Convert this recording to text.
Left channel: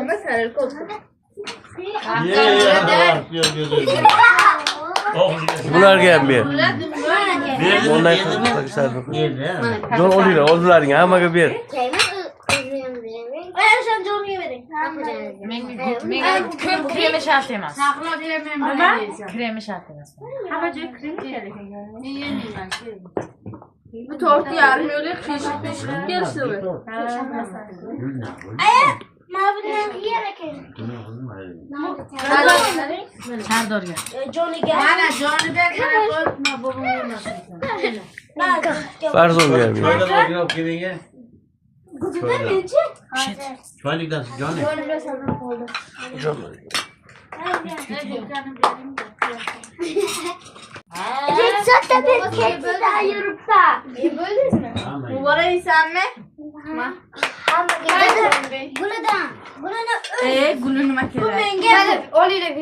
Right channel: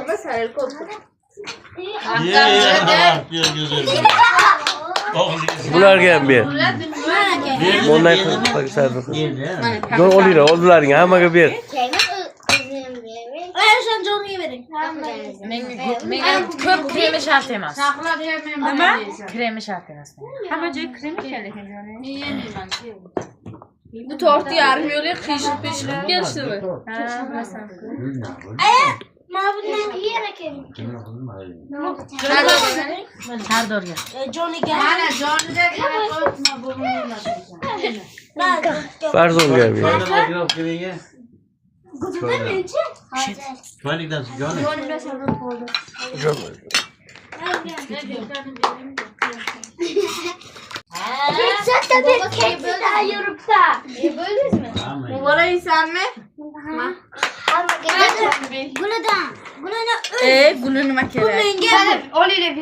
Ama sarıl koltuk. Bularga ham ber. Bundan qilib Jon oldilaring, hammaga ber. Sen Johnny'ye verin. Menga ko'p kremi shart emas. Nima? Kremi shart emas. Hamma joy kremi kerak ekan. Bu tortni yarim yo'li pishib berishdimi? Mana bundan yer ekan. Sardorga. Johnnyga. Mana Johnnyga qarab qo'yma bo'lmaydi. Farzonga ham ber. Choylikdan Johnny. Keksa bir keksa daha yurupsa. Bo'ldingizmi? Muborak yeysanmi? Hammaga. Gulini Guli nima kerak? Menga olinglar.